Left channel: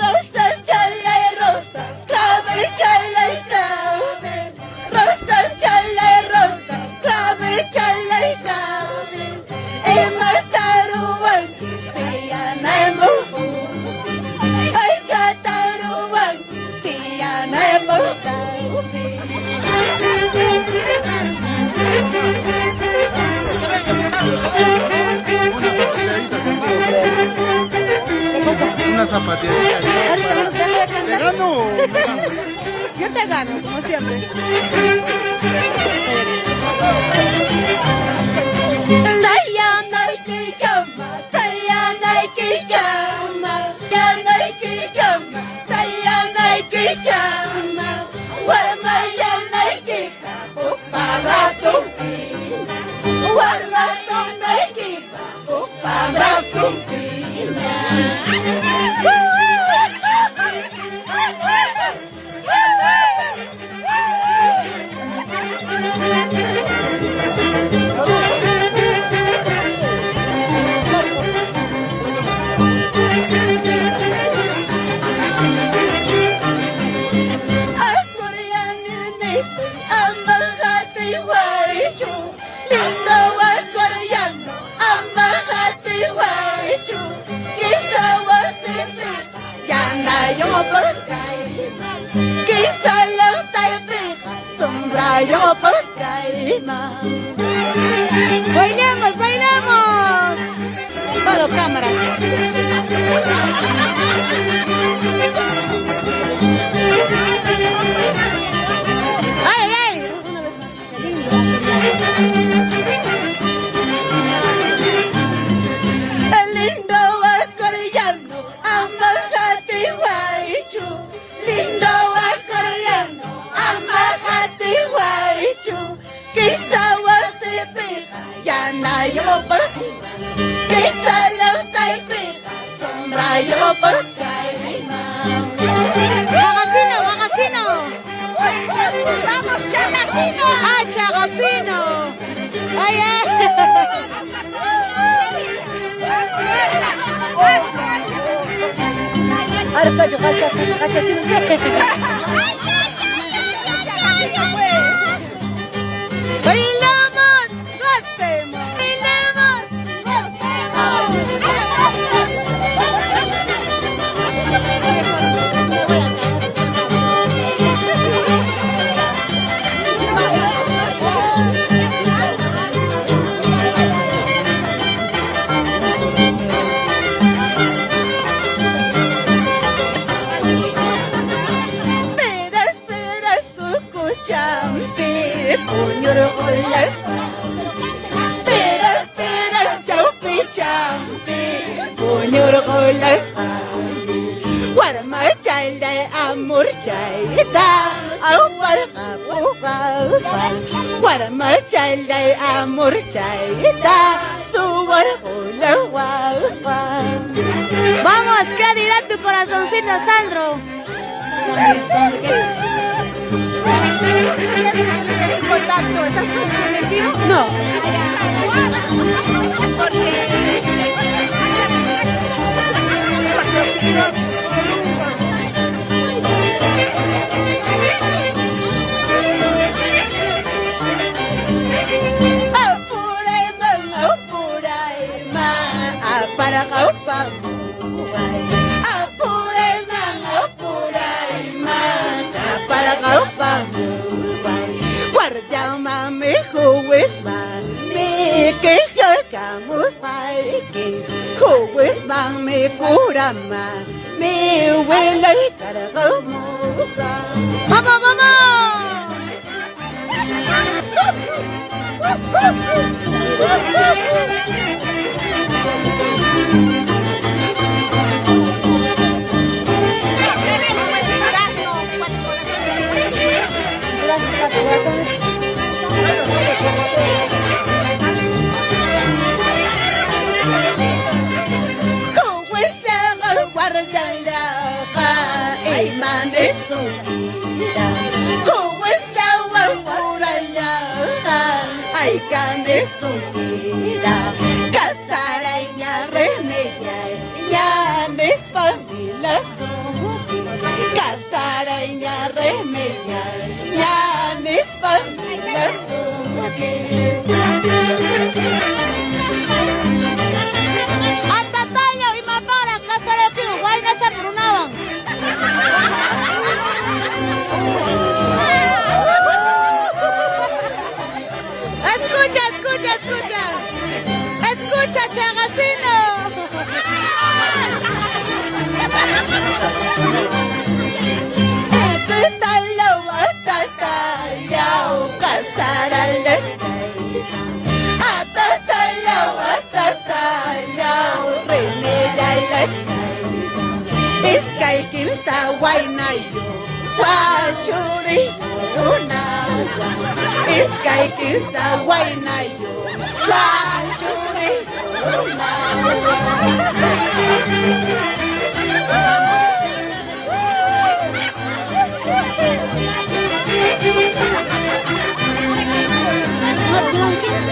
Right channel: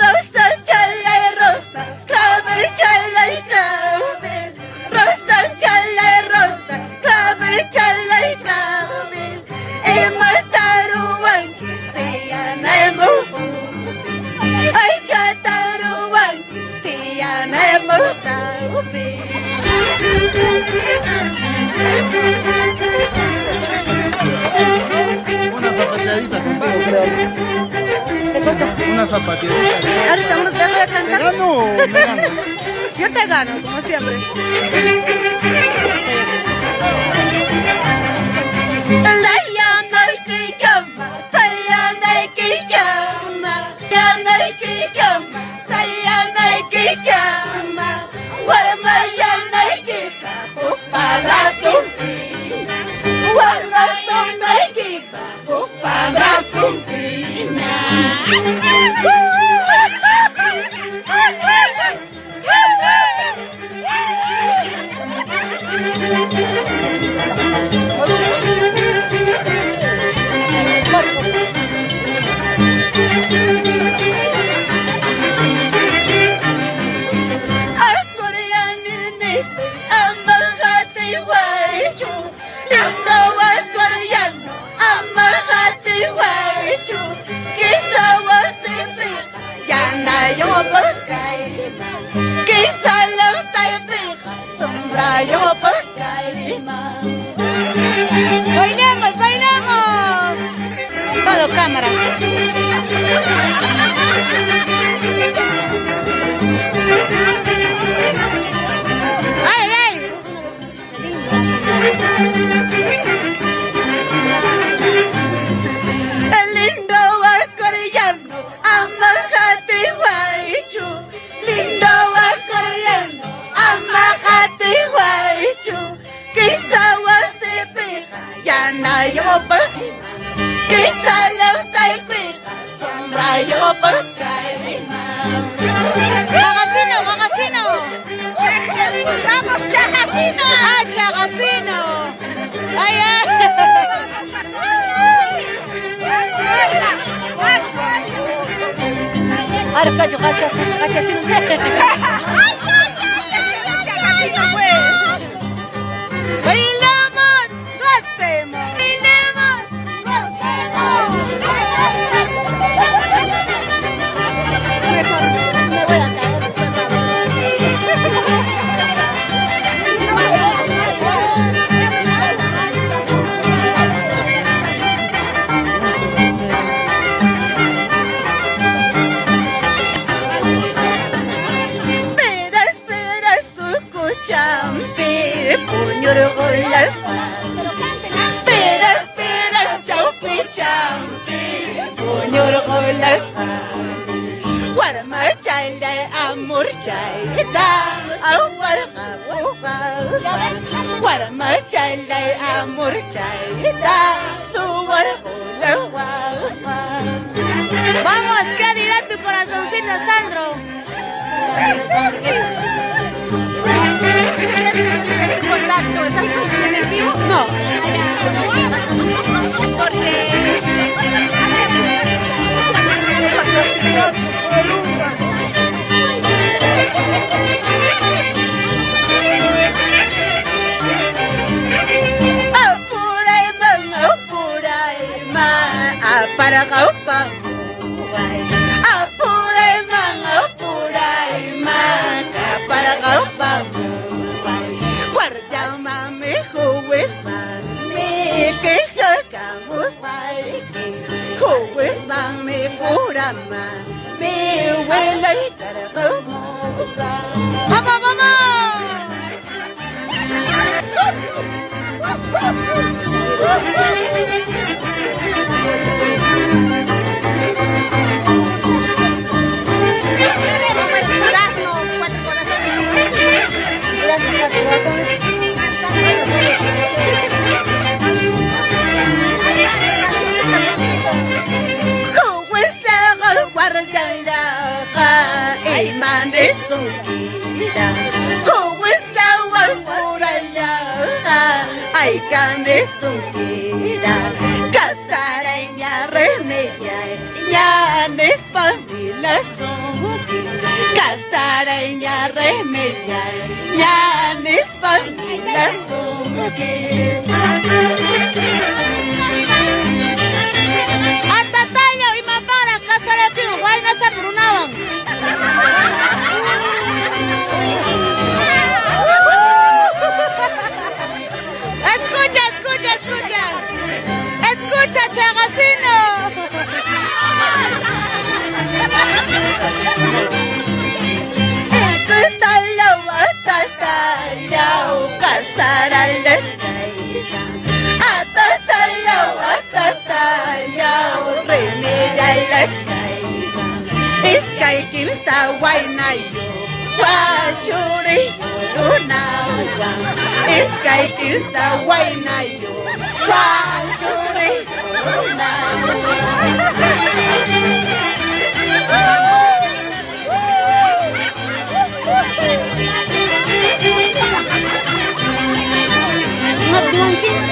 Rosa, chala, rosa, clave, chala, clave. Rosa, chala, rosa, clave, chala, clave. Y mataruan, se llama mufu. Ay, cataruan, se llama mufu. Una zapatilla. Ahorita uno te voy a cantar. Gano. Yo te gano, como siempre. Yo bailemos, bailemos. Todo cámara. Ay, ay. El lindo acordeano, amajate guaychu. Lindo acordeano, amajate guaychu. Quizá se pega, ya no yo pesca. Quizá la pega, sombra yo pesca. Chavacino, chavacino. Vamos, chavacino. Ah, chavacino. Ay, ay. Arca, yo gacho, ¡bailemos! ¡Gocemos! ¡Bailemos! Espera, espera, su cuchampi, puño con la espalda. Espera, espera, champi, champi, puño con la espalda. Guarma, chaile, amor, chaita, amor, guarma, chaile, amor, chaita, su la guapa. Vamos, ¿qué dirá tu corazoncito, Sandro? No. Para kaupa apure man apurai man para kaupa guarda mami juez mami que kamus ai juez mami pura mami huele para kausa mama mama Iman es un vida, como es la guarda Ay, kami sumpira, kasaraya remedia, yanis pamila sumpi, kasaraya remedia, yanis pamila sumpi. Atatayo imabara kasaraki why nasa Brunawang. Escucha, escucha, escucha. Escucha, Chagacino. Iskay kimsa wainayo, wachuri yorunawa. Iskay kimsa wainayo, wachuri yorunawa. Madungkit.